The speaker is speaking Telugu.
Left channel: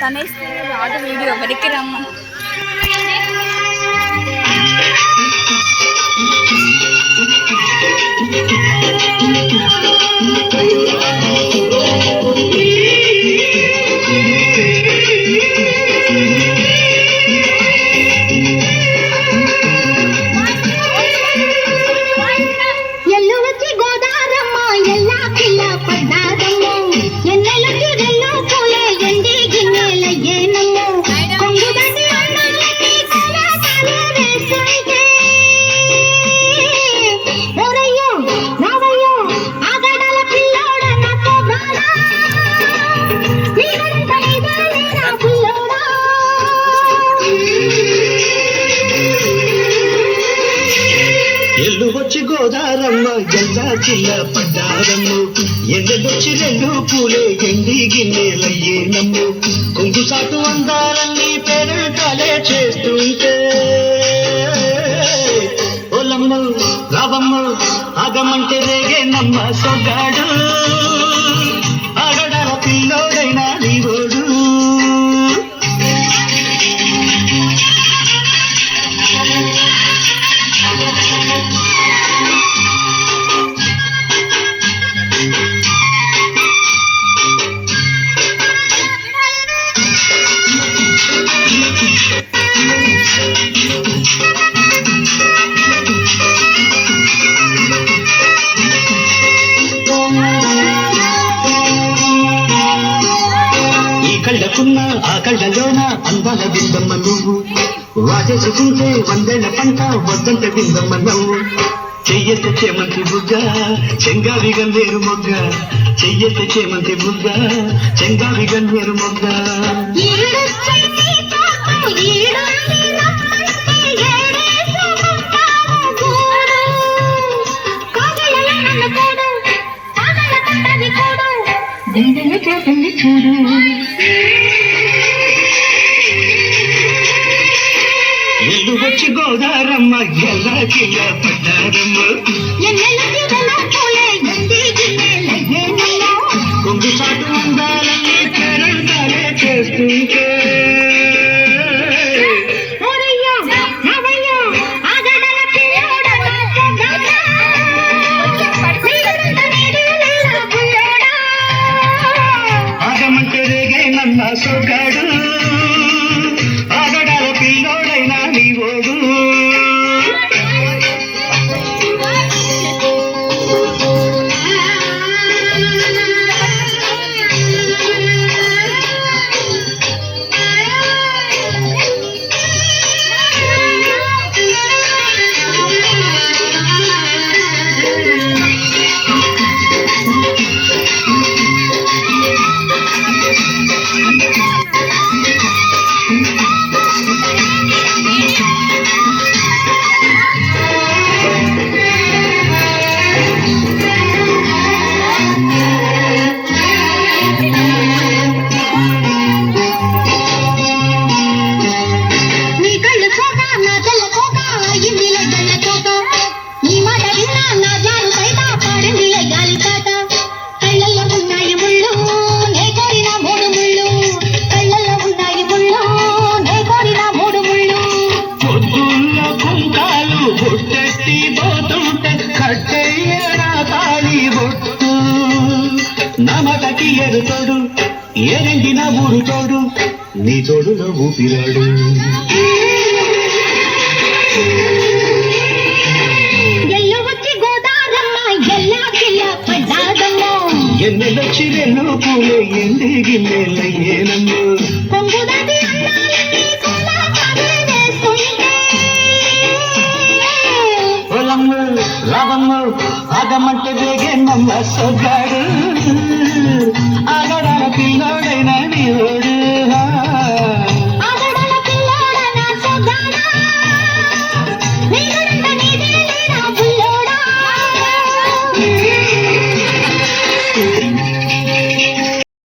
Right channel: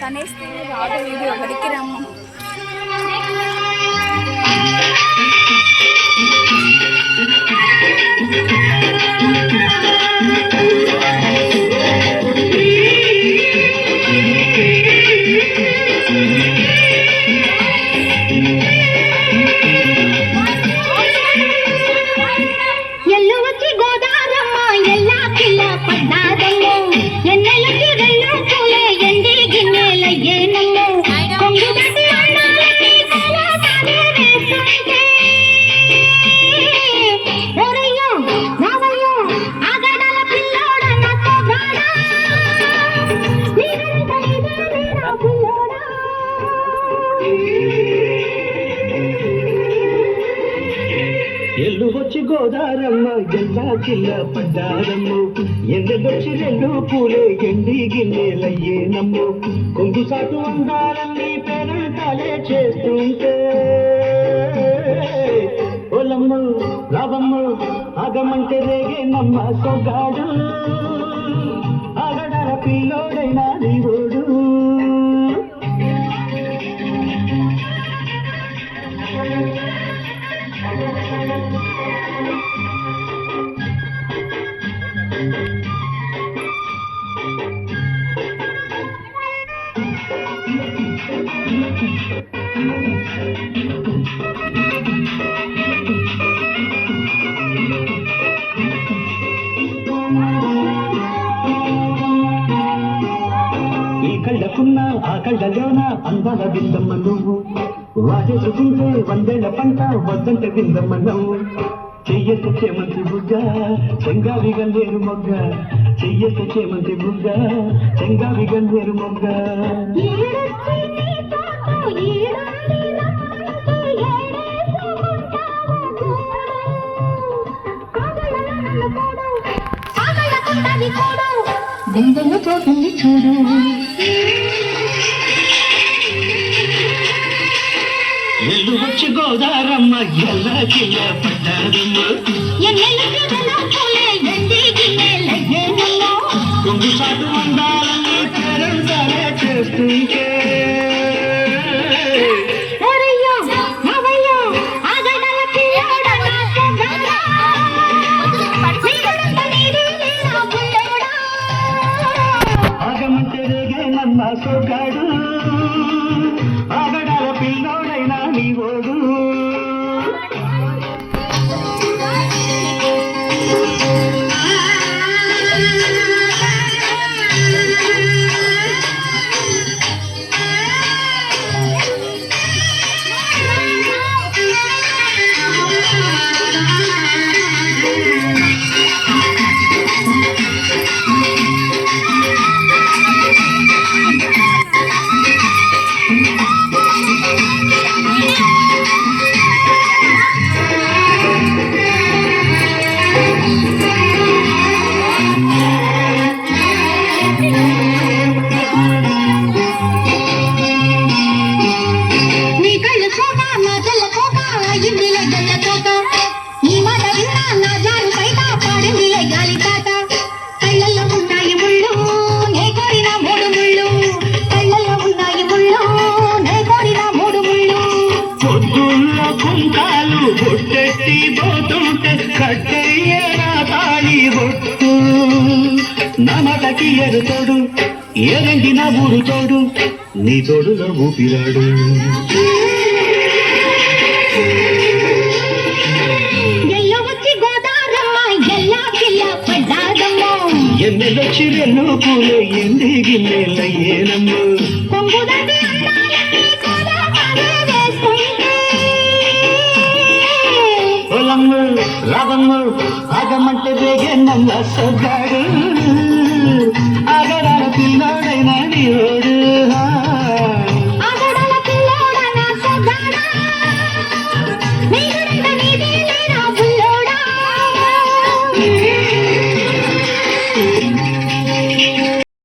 తనేస్తే రాదు వీడియో వెనక్కి రమ్మను. ఎల్లువచ్చి గోదారమ్మ ఎల్లా జిల్లా పడ్డారమ్ము ఎండలొచ్చి రెండు పూలే ఎండి గిన్నెలయ్యేనమ్ము కొంగు సాటు అందాలన్నీ పేరంటాలే చేస్తుంటే ఓలమ్మ రావమ్మ ఆగమంటే రేగే నమ్మ సొగాడు ఆగడాల పిల్లోడైనా నీవోడు కళ్ళకున్న ఆ కళ్ళలోన అందాల బిందమ్మ నువ్వు వాటేసుకుంటే వందేళ్ల పంట వద్దంట బిందమ్మ నువ్వు చెయ్యెత్త చేమంతి బుగ్గ చెంగావి గన్నేరు మొగ్గ చెయ్యెత్త చేమంతి బుగ్గ చెంగావి గన్నేరు మొగ్గ గుండెలు పోతుంది చూడు ఎల్లు వచ్చి గోదారమ్మ ఎల్లా కిల్ల పడ్డారమ్మ కొంగు చాటు అందాలన్నీ పేరంటాలే చేస్తుంటే సొగాడు ఆగడాల పిల్లోడైనా నీవోడు నమటకి ఎరుతోడు ఏనండి నా ఊరు తోడు నీ తోడులో ఊపిరాడు ఎన్నెలొచ్చి రెండు పూలే ఎండి గిన్నెలయ్యేనమ్ము పొలమ్ము రావమ్ము ఆగమంటే వేగన్నమ్మ సొగాడు ఆగడాల పిల్లోడైనా నీవోడు